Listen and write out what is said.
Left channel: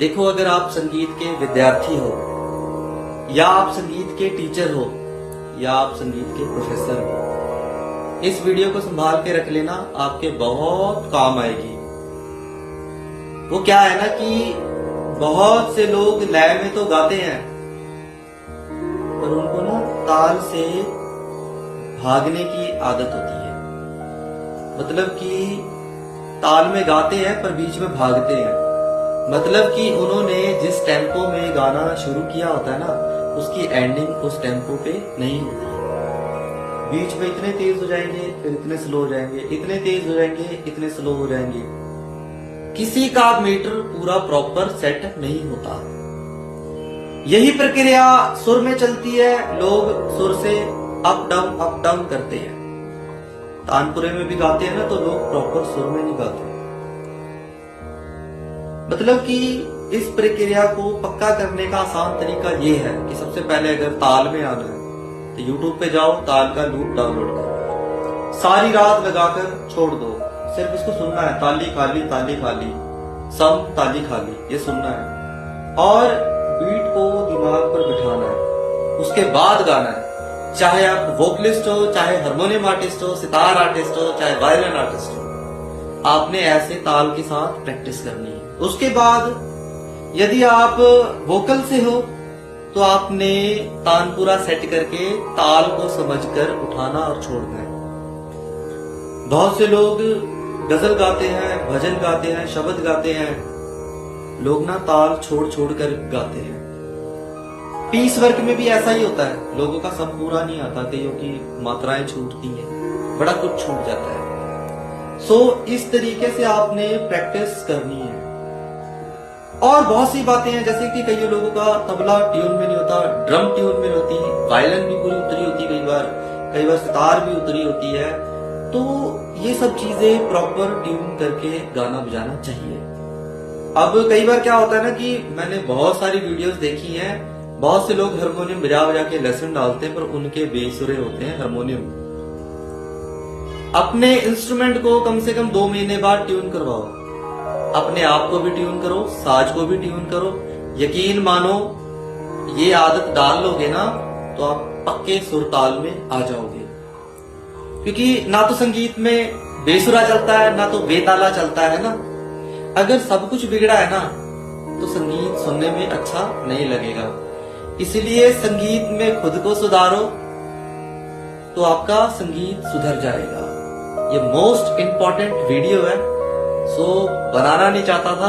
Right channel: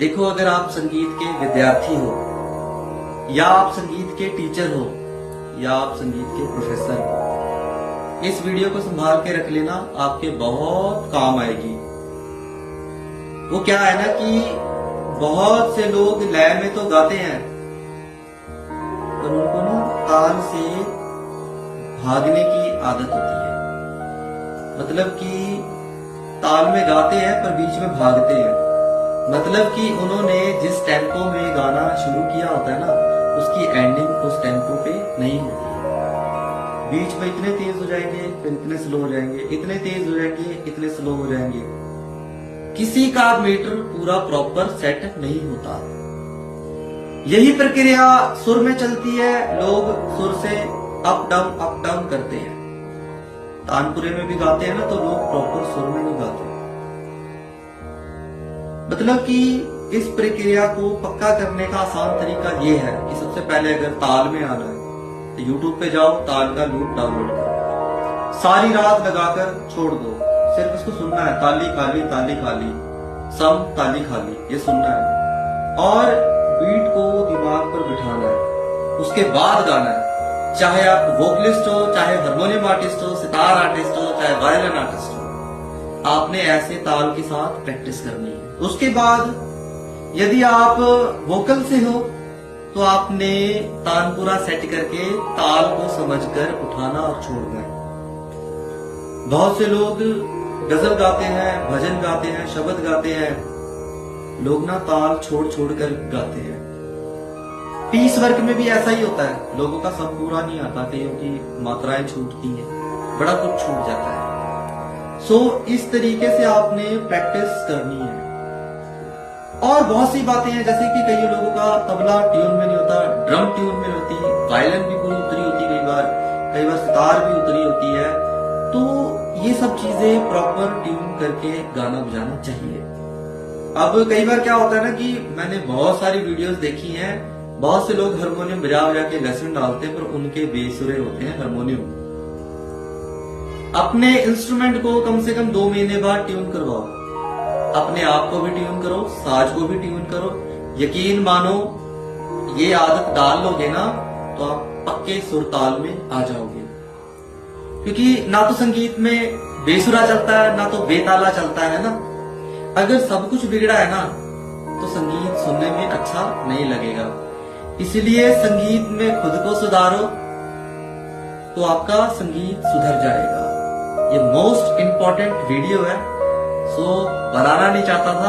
देखो, अगर आप संगीत के विद्यार्थी हो या आप संगीत के टीचर हो या आप संगीत के प्रोफेसर हो, इस वीडियो को संभाल के रख लेना, आपके बहुत काम आएगी। वो क्या है ना कि बहुत से लोग लय में तो गाते हैं पर उनको ना ताल से भागने की आदत होती है। मतलब कि ताल में गाते हैं पर बीच में भागते हैं। मतलब कि उन्होंने जिस टेम्पो में गाना शुरू किया होता है ना, उसकी एंडिंग उस टेम्पो पे नहीं होती है। बीच में इतने तेज हो जाएंगे, फिर इतने स्लो हो जाएंगे, इतने तेज हो जाएंगे, इतने स्लो हो जाएंगे। किसी का मीटर पूरा प्रॉपर सेट नहीं होता। यही प्रक्रिया सुर में चलती है। लोग सुर से अप डाउन करते हैं। तानपुरे में भी गाते हैं ना, तो लोग प्रॉपर सुर में नहीं गाते। मतलब कि इस प्रक्रिया को पक्का करने का आसान तरीका ये है कि सबसे पहले अगर ताल में आना है तो यूट्यूब पे जाओ, ताल का लूप डाउनलोड करो, सारी रात लगाकर छोड़ दो, सिर्फ उसको सुनना है। ताली खाली ताली खाली, सम ताली खाली, ये सुनना है और बीट को दिमाग पर बिठाना है। उसके बाद गाना है। चाहे आप वोकलिस्ट हो, चाहे हारमोनियम आर्टिस्ट हो, सितार आर्टिस्ट हो, चाहे वायलिन आर्टिस्ट हो, आपने ऐसे ताल के साथ प्रैक्टिस करनी है। उसके बाद यदि आप वोकल से हो तो आपने तानपुरा सेट करके ताल को समझकर उठाना और छोड़ना है। बहुत से लोग गजल गाते हैं, भजन गाते हैं, शब्द गाते हैं। लोग ना ताल छोड़ छोड़ कर गाते हैं। पीस वर्क में भी ऐसा ही होता है। लोगों का सब पूरा नहीं आता, कईयों की मात्राएं छूटती हैं, बड़ा कुछ छूट जाता है। इस तरीके से आपने प्रैक्टिस करनी है। और बहुत सी बातें हैं, जैसे कि कई लोगों का तबला ट्यून में नहीं होता, ड्रम ट्यून में होती है, वायलिन भी पूरी उतरी होती है, कई बार सितार भी उतरी होती है। तो ये सब चीजें प्रॉपर ट्यून करके गाना बजाना चाहिए। अब कई बार क्या होता है ना कि मैंने बहुत सारी वीडियोस देखी हैं, बहुत से लोग हारमोनियम बजा बजा के लेसन डालते हैं पर उनके बेसुरे होते हैं हारमोनियम। अपने इंस्ट्रूमेंट को कम से कम 2 महीने बाद ट्यून करवाओ। अपने आप को भी ट्यून करो, साज को भी ट्यून करो। यकीन मानो, ये आदत डाल लोगे ना तो आप पक्के सुर ताल में आ जाओगे। क्योंकि ना तो संगीत में बेसुरा चलता है, ना तो बेताला चलता है ना। अगर सब कुछ बिगड़ा है ना तो संगीत सुनने में अच्छा नहीं लगेगा। इसलिए संगीत में खुद को सुधारो तो आपका संगीत सुधर जाएगा। ये मोस्ट इंपॉर्टेंट वीडियो है। बनाना नहीं चाहता था,